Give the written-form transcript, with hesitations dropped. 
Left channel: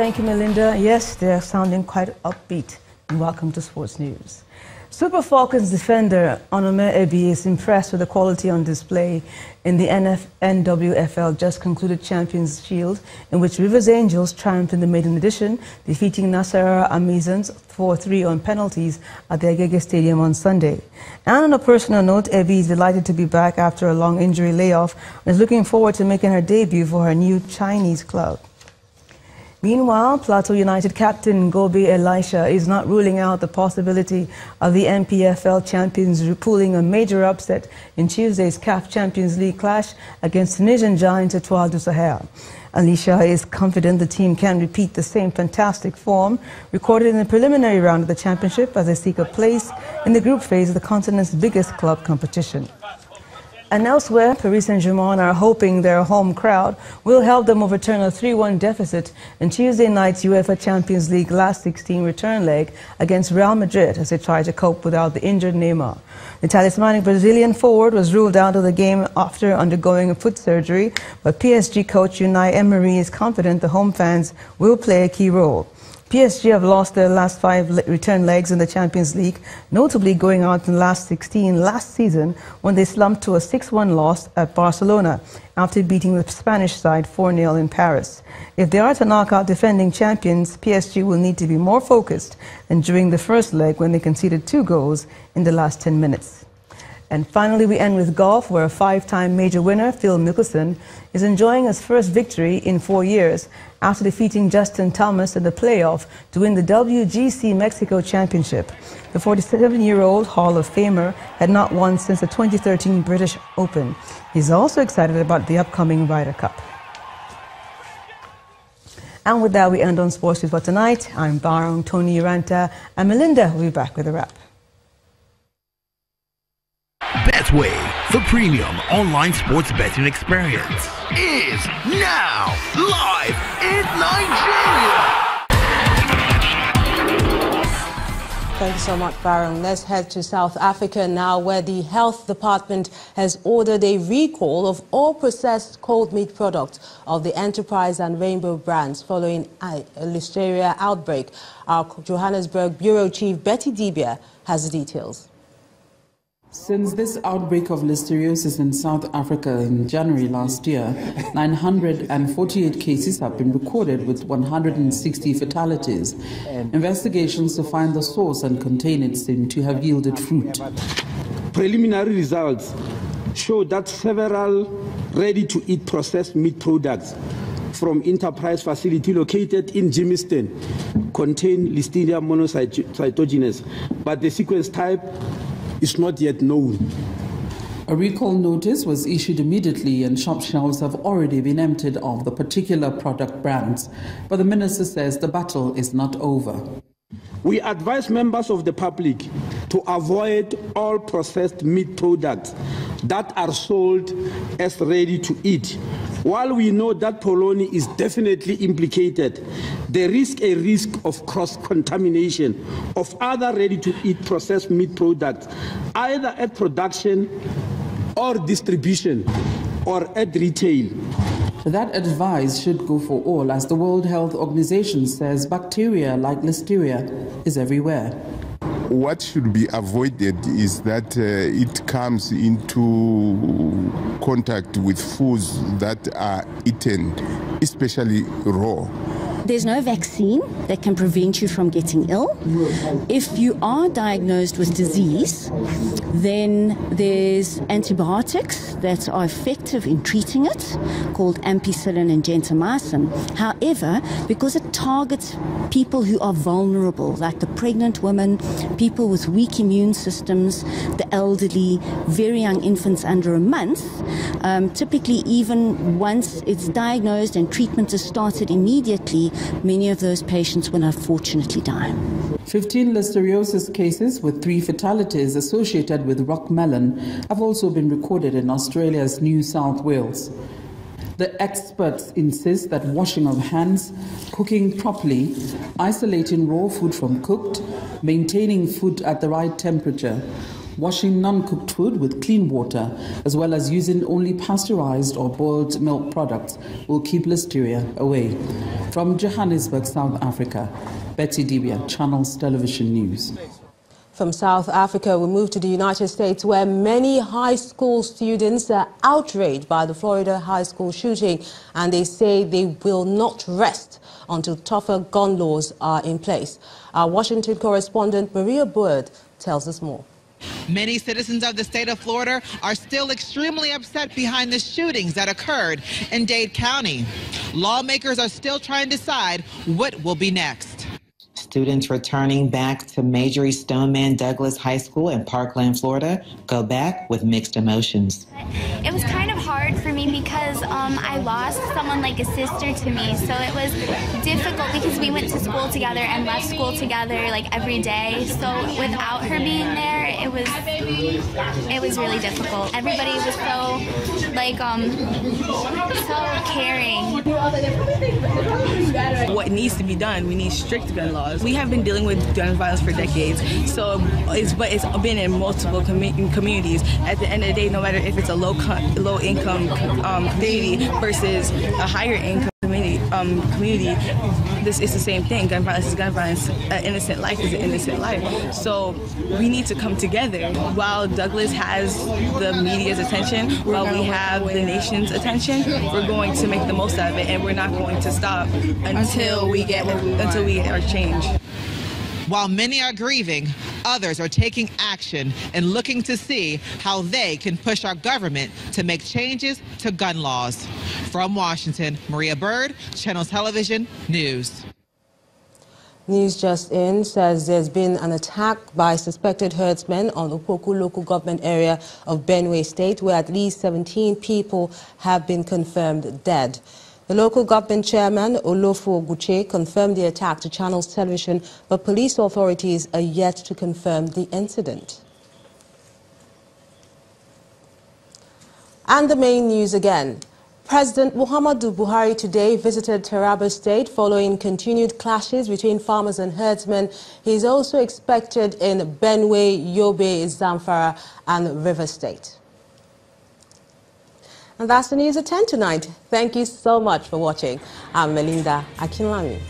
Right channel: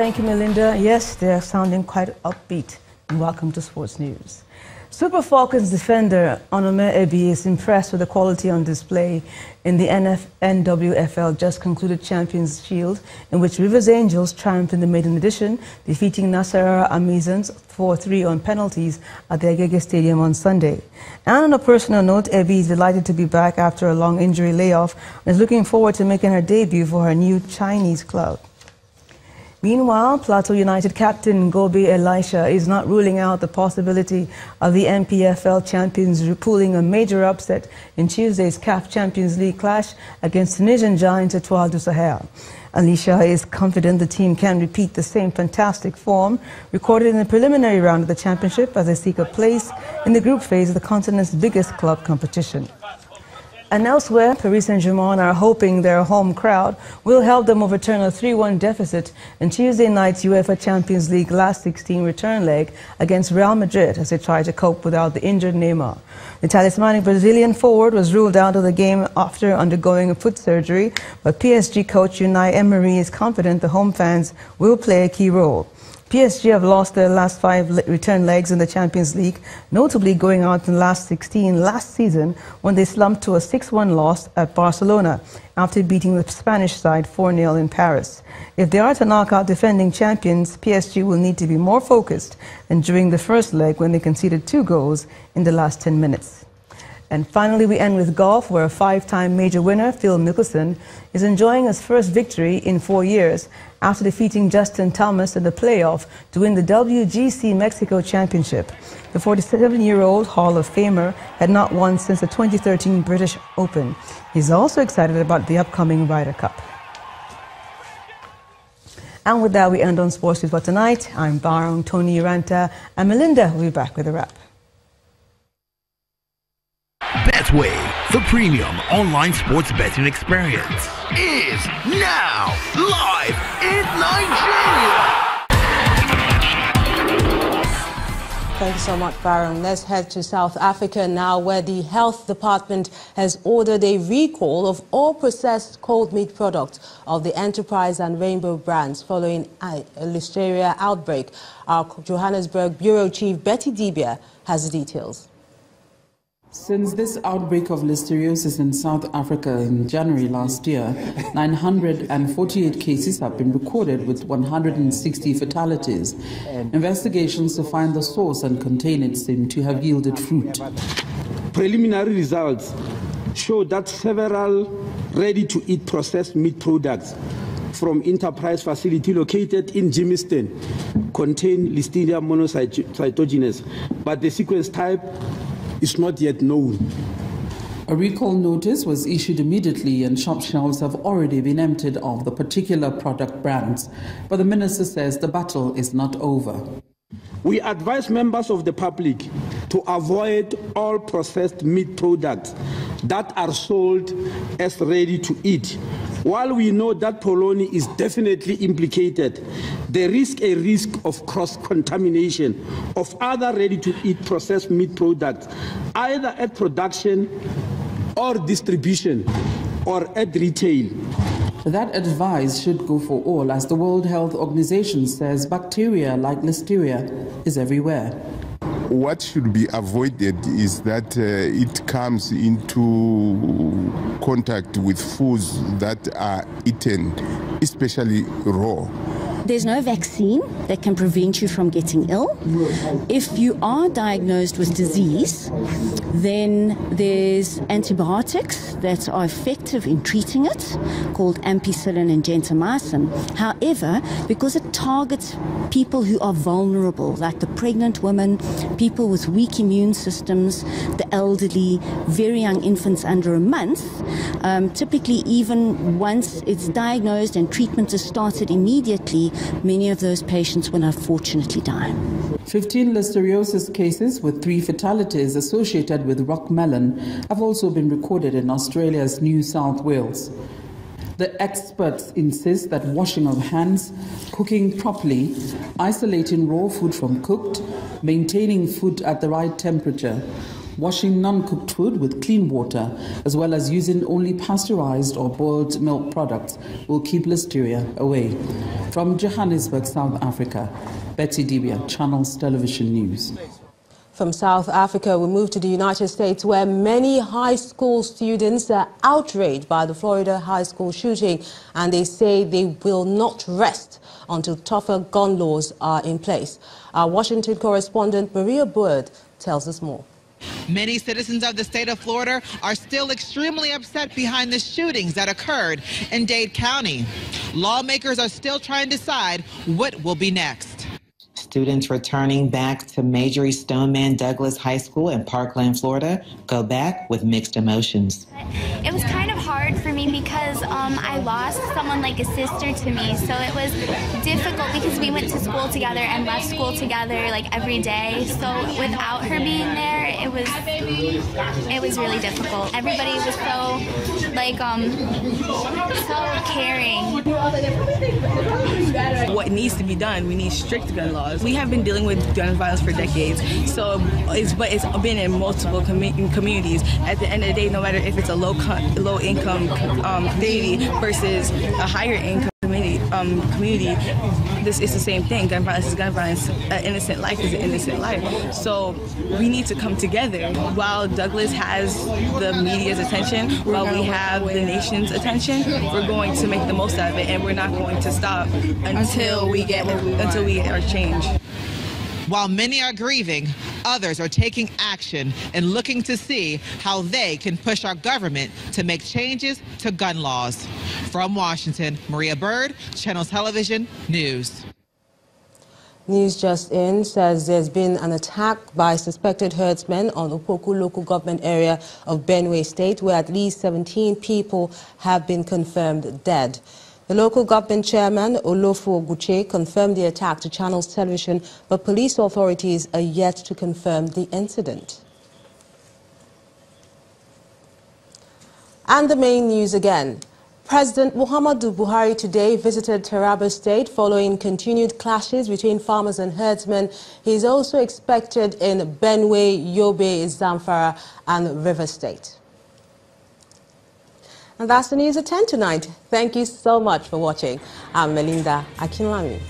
Thank you, Melinda. Yes, they're sounding quite upbeat. And welcome to Sports News. Super Falcons defender Onome Ebi is impressed with the quality on display in the NWFL just concluded Champions Shield, in which Rivers Angels triumphed in the maiden edition, defeating Nasarawa Amazons 4-3 on penalties at the Agege Stadium on Sunday. And on a personal note, Ebi is delighted to be back after a long injury layoff and is looking forward to making her debut for her new Chinese club. Meanwhile, Plateau United captain Gobe Elisha is not ruling out the possibility of the MPFL champions pulling a major upset in Tuesday's CAF Champions League clash against Tunisian giants Etoile du Sahel. Elisha is confident the team can repeat the same fantastic form recorded in the preliminary round of the championship as they seek a place in the group phase of the continent's biggest club competition. And elsewhere, Paris Saint-Germain are hoping their home crowd will help them overturn a 3-1 deficit in Tuesday night's UEFA Champions League last 16 return leg against Real Madrid as they try to cope without the injured Neymar. The talismanic Brazilian forward was ruled out of the game after undergoing a foot surgery, but PSG coach Unai Emery is confident the home fans will play a key role. PSG have lost their last 5 return legs in the Champions League, notably going out in the last 16 last season when they slumped to a 6-1 loss at Barcelona after beating the Spanish side 4-0 in Paris. If they are to knock out defending champions, PSG will need to be more focused than during the first leg when they conceded 2 goals in the last 10 minutes. And finally, we end with golf, where a 5-time major winner, Phil Mickelson, is enjoying his first victory in 4 years after defeating Justin Thomas in the playoff to win the WGC Mexico Championship. The 47-year-old Hall of Famer had not won since the 2013 British Open. He's also excited about the upcoming Ryder Cup. And with that, we end on Sports News for tonight. I'm Barong, Tony Uranta, and Melinda will be back with a wrap. Betway, the premium online sports betting experience, is now live in Nigeria. Thank you so much, Baron. Let's head to South Africa now, where the Health Department has ordered a recall of all processed cold meat products of the Enterprise and Rainbow brands following a Listeria outbreak. Our Johannesburg Bureau Chief Betty Dibia has the details. Since this outbreak of listeriosis in South Africa in January last year, 948 cases have been recorded with 160 fatalities. Investigations to find the source and contain it seem to have yielded fruit. Preliminary results show that several ready-to-eat processed meat products from Enterprise facility located in Germiston contain Listeria monocytogenes, but the sequence type is not yet known. A recall notice was issued immediately and shop shelves have already been emptied of the particular product brands. But the minister says the battle is not over. We advise members of the public to avoid all processed meat products that are sold as ready to eat. While we know that polony is definitely implicated, there is a risk of cross-contamination of other ready-to-eat processed meat products, either at production or distribution or at retail. That advice should go for all, as the World Health Organization says bacteria like Listeria is everywhere. What should be avoided is that it comes into contact with foods that are eaten, especially raw. There's no vaccine that can prevent you from getting ill. If you are diagnosed with disease, then there's antibiotics that are effective in treating it, called ampicillin and gentamicin. However, because it targets people who are vulnerable, like the pregnant women, people with weak immune systems, the elderly, very young infants under a month, typically even once it's diagnosed and treatment is started immediately, many of those patients will unfortunately die. 15 listeriosis cases with 3 fatalities associated with rockmelon have also been recorded in Australia's New South Wales. The experts insist that washing of hands, cooking properly, isolating raw food from cooked, maintaining food at the right temperature, Washing non-cooked food with clean water, as well as using only pasteurized or boiled milk products, will keep listeria away. From Johannesburg, South Africa, Betty Dibia, Channels Television News. From South Africa, we move to the United States, where many high school students are outraged by the Florida high school shooting, and they say they will not rest until tougher gun laws are in place. Our Washington correspondent Maria Bird tells us more. Many citizens of the state of Florida are still extremely upset behind the shootings that occurred in Dade County. Lawmakers are still trying to decide what will be next. Students returning back to Marjorie Stoneman Douglas High School in Parkland, Florida, go back with mixed emotions. It was kind of hard for me because I lost someone like a sister to me, so it was difficult because we went to school together and left school together like every day. So without her being there, it was really difficult. Everybody was so so caring. What needs to be done? We need strict gun laws. We have been dealing with gun violence for decades, it's been in multiple communities. At the end of the day, no matter if it's a low income community versus a higher income community, this is the same thing. Gun violence is gun violence. An innocent life is an innocent life. So we need to come together. While Douglas has the media's attention, while we have the nation's attention, we're going to make the most of it, and we're not going to stop until we get our change. While many are grieving, others are taking action and looking to see how they can push our government to make changes to gun laws. From Washington, Maria Bird, Channel Television News. News just in says there's been an attack by suspected herdsmen on the Opoku local government area of Benue State, where at least 17 people have been confirmed dead. The local government chairman, Olofo Oguche, confirmed the attack to Channels Television, but police authorities are yet to confirm the incident. And the main news again. President Muhammadu Buhari today visited Taraba State following continued clashes between farmers and herdsmen. He is also expected in Benue, Yobe, Zamfara and River State. And that's the news at 10 tonight. Thank you so much for watching. I'm Melinda Akinwami.